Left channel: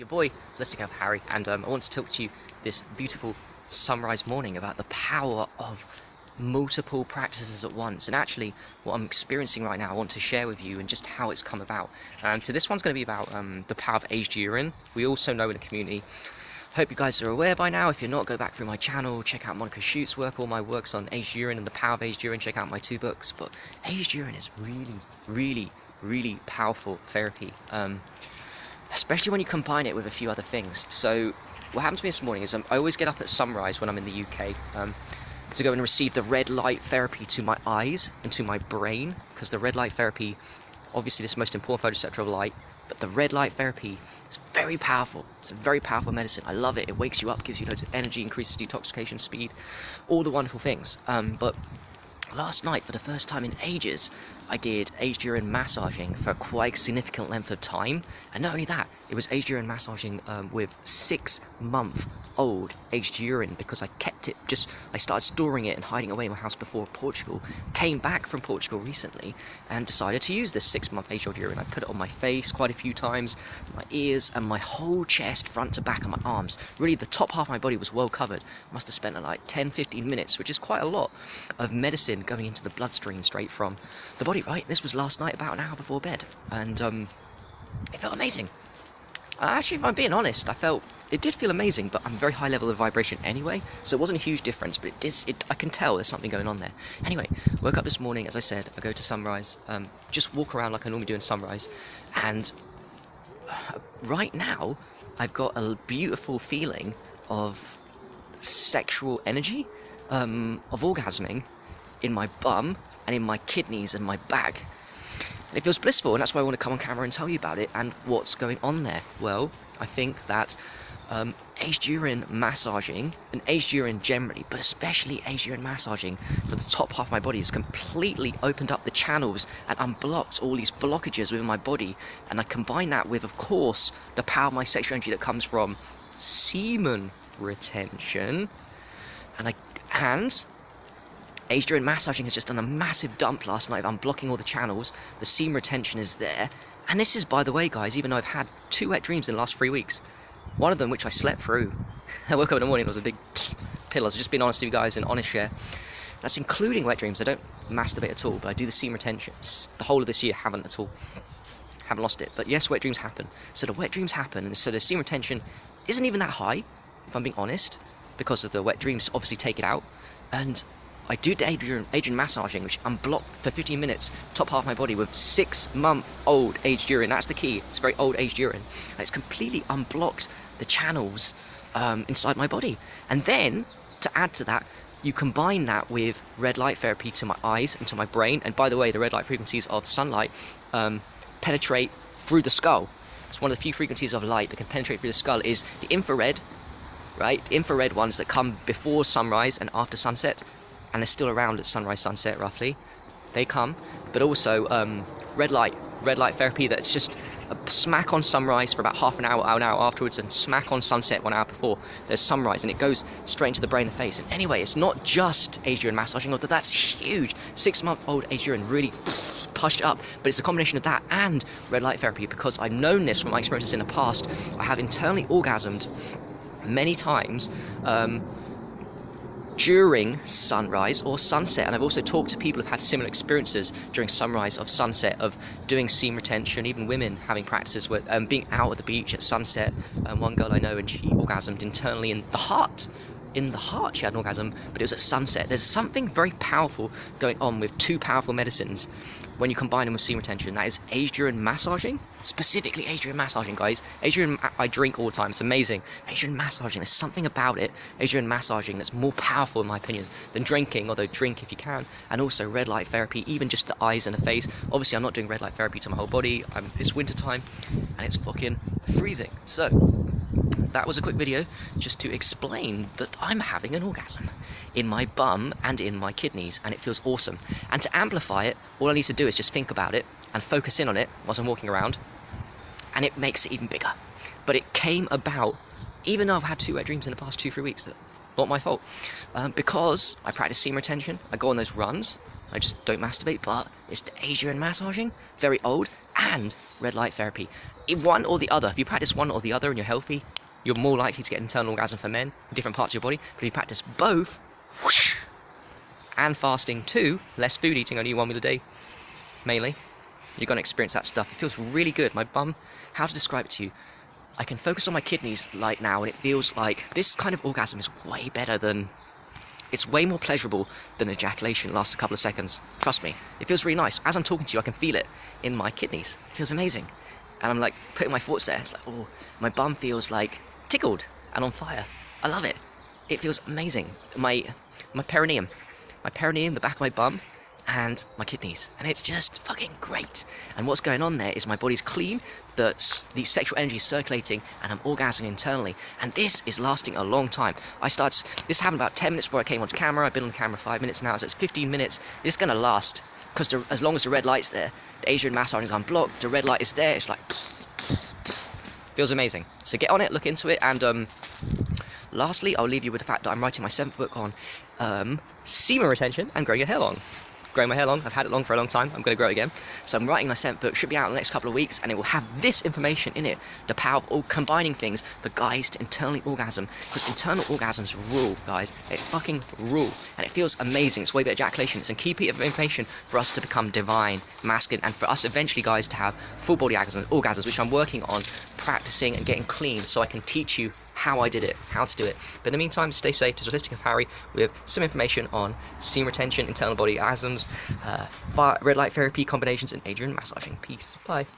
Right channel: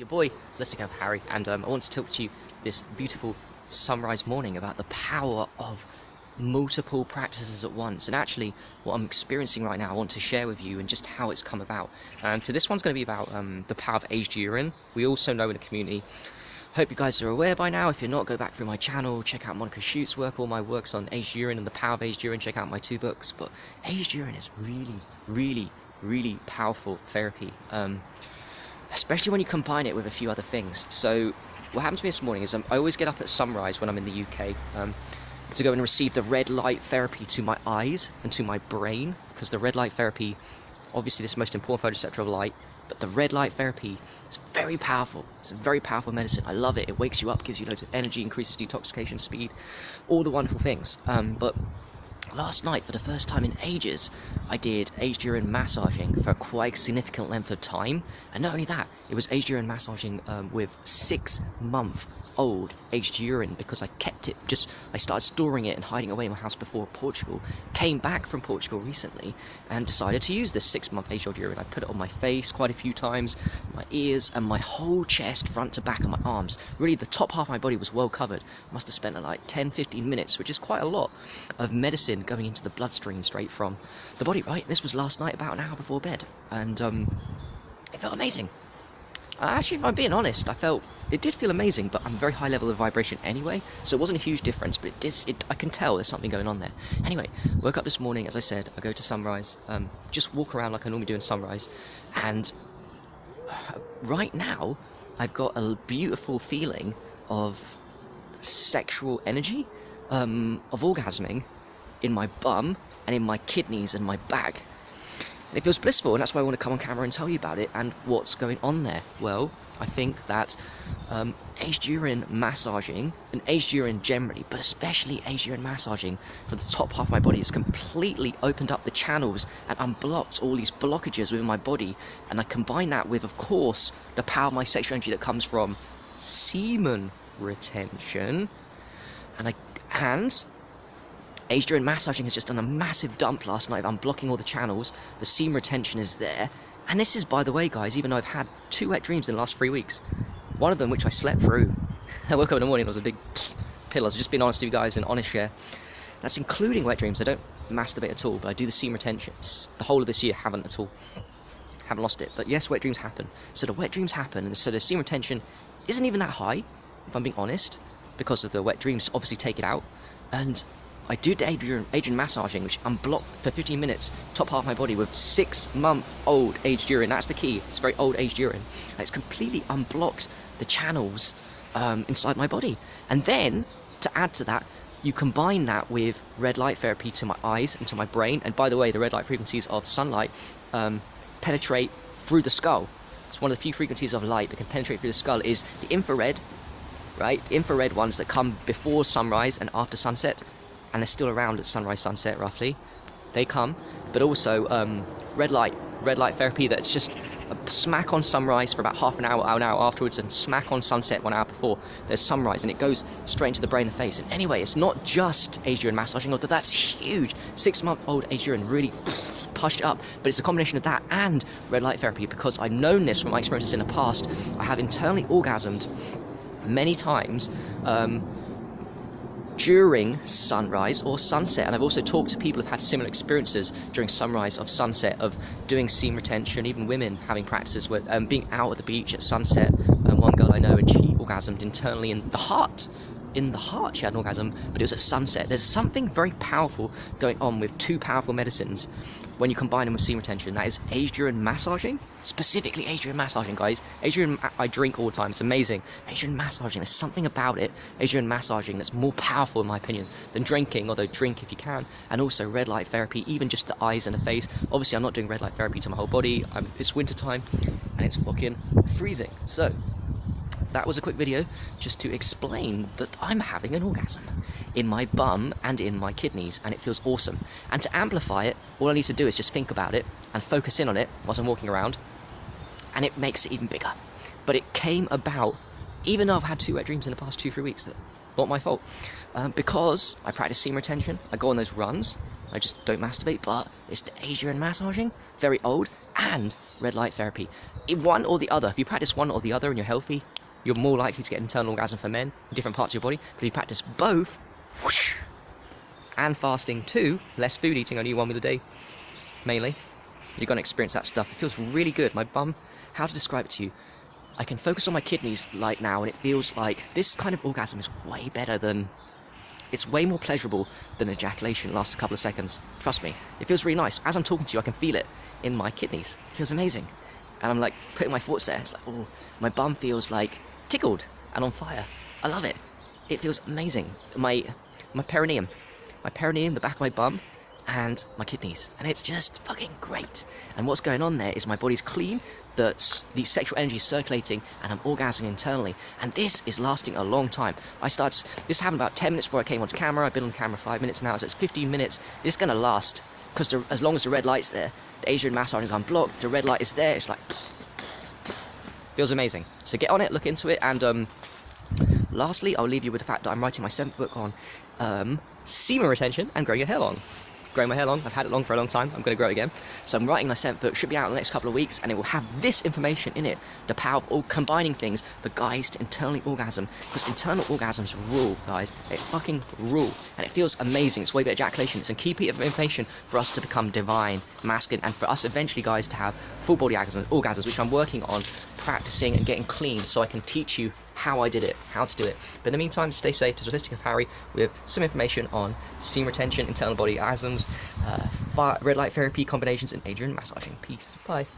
Your boy, Listening Up Harry, and I want to talk to you this beautiful sunrise morning about the power of multiple practices at once, and actually what I'm experiencing right now I want to share with you and just how it's come about. So this one's going to be about the power of aged urine. We also know in the community, hope you guys are aware by now. If you're not, go back through my channel, check out Monica Schute's work, all my works on aged urine and the power of aged urine, check out my 2 books. But aged urine is really powerful therapy, especially when you combine it with a few other things. So what happened to me this morning is I always get up at sunrise when I'm in the UK to go and receive the red light therapy to my eyes and to my brain, because the red light therapy, obviously this is the most important photoreceptor of light, but the red light therapy is very powerful. It's a very powerful medicine. I love it. It wakes you up, gives you loads of energy, increases detoxification speed, all the wonderful things. But last night, for the first time in ages, I did aged urine massaging for quite a significant length of time. And not only that, it was aged urine massaging with 6-month-old aged urine, because I kept it, I started storing it and hiding it away in my house before Portugal. Came back from Portugal recently and decided to use this 6-month aged old urine. I put it on my face quite a few times, my ears, and my whole chest, front to back, and my arms. Really, the top half of my body was well covered. Must have spent like 10-15 minutes, which is quite a lot of medicine going into the bloodstream straight from the body, right? This was last night, about an hour before bed, and it felt amazing. Actually, if I'm being honest, it did feel amazing, but I'm a very high level of vibration anyway, so it wasn't a huge difference, but I can tell there's something going on there. Anyway, woke up this morning, as I said, I go to sunrise, just walk around like I normally do in sunrise, and right now, I've got a beautiful feeling of sexual energy, of orgasming in my bum and in my kidneys and my bag. And it feels blissful, and that's why I want to come on camera and tell you about it and what's going on there. Well, I think that aged urine massaging, and aged urine generally, but especially aged urine massaging for the top half of my body, has completely opened up the channels and unblocked all these blockages within my body. And I combine that with, of course, the power of my sexual energy that comes from semen retention, and aged urine massaging has just done a massive dump last night of unblocking all the channels. The semen retention is there. And this is, by the way, guys, even though I've had 2 wet dreams in the last 3 weeks, one of them which I slept through. I woke up in the morning, it was a big pill. I was just being honest with you guys and honest share. That's including wet dreams. I don't masturbate at all, but I do the semen retention. The whole of this year, haven't at all. Haven't lost it. But yes, wet dreams happen. So the wet dreams happen, and so the semen retention isn't even that high, if I'm being honest, because of the wet dreams obviously take it out. And I do the aged urine massaging, which unblocked for 15 minutes, top half of my body with 6-month-old aged urine. That's the key. It's very old aged urine. And it's completely unblocked the channels inside my body. And then, to add to that, you combine that with red light therapy to my eyes and to my brain. And by the way, the red light frequencies of sunlight penetrate through the skull. It's one of the few frequencies of light that can penetrate through the skull is the infrared, right? The infrared ones that come before sunrise and after sunset, and they're still around at sunrise, sunset, roughly. They come, but also red light therapy that's just a smack on sunrise for about half an hour afterwards, and smack on sunset 1 hour before there's sunrise, and it goes straight into the brain and face. And anyway, it's not just aged urine massaging, although that's huge. 6-month-old aged urine really pushed up, but it's a combination of that and red light therapy, because I've known this from my experiences in the past. I have internally orgasmed many times during sunrise or sunset, and I've also talked to people who've had similar experiences during sunrise or sunset of doing semen retention, even women having practices with being out at the beach at sunset. One girl I know, and she orgasmed internally in the heart. In the heart she had an orgasm, but it was at sunset. There's something very powerful going on with 2 powerful medicines when you combine them with semen retention. That is aged urine massaging, specifically aged urine massaging, guys. Aged urine I drink all the time, it's amazing. Aged urine massaging, there's something about it, aged urine massaging, that's more powerful in my opinion than drinking, although drink if you can. And also red light therapy, even just the eyes and the face. Obviously I'm not doing red light therapy to my whole body. It's winter time and it's fucking freezing. So that was a quick video just to explain that I'm having an orgasm in my bum and in my kidneys, and it feels awesome. And to amplify it, all I need to do is just think about it and focus in on it whilst I'm walking around, and it makes it even bigger. But it came about, even though I've had 2 wet dreams in the past 2-3 weeks, not my fault, because I practice semen retention. I go on those runs, I just don't masturbate, but it's the aged urine massaging, very old, and red light therapy. one or the other. If you practice one or the other and you're healthy, you're more likely to get internal orgasm for men in different parts of your body. But if you practice both, whoosh, and fasting too, less food eating, only 1 meal a day, mainly, you're going to experience that stuff. It feels really good. My bum, how to describe it to you? I can focus on my kidneys like now, and it feels like this kind of orgasm is way better than, it's way more pleasurable than ejaculation. It lasts a couple of seconds. Trust me, it feels really nice. As I'm talking to you, I can feel it in my kidneys. It feels amazing. And I'm like putting my thoughts there. It's like, oh, my bum feels like tickled and on fire. I love it. It feels amazing. My perineum, the back of my bum, and my kidneys, and it's just fucking great. And what's going on there is my body's clean, the sexual energy is circulating, and I'm orgasming internally, and this is lasting a long time. This happened about 10 minutes before I came onto camera. I've been on camera 5 minutes now, so it's 15 minutes. It's gonna last, because as long as the red light's there, the Adrian massage is unblocked, the red light is there, it's like feels amazing. So get on it, look into it, and lastly, I'll leave you with the fact that I'm writing my 7th book on semen retention and growing your hair long. Growing my hair long, I've had it long for a long time, I'm going to grow it again. So I'm writing my 7th book, should be out in the next couple of weeks, and it will have this information in it, the power of all combining things for guys to internally orgasm, because internal orgasms rule, guys. They fucking rule, and it feels amazing. It's way better ejaculation. It's a key piece of information for us to become divine, masculine, and for us eventually, guys, to have full body orgasms, which I'm working on practicing and getting clean, so I can teach you how I did it, how to do it. But in the meantime, stay safe. This is Holistic of Harry with some information on semen retention, internal body orgasms, red light therapy combinations, and Adrian massaging. Peace. Bye.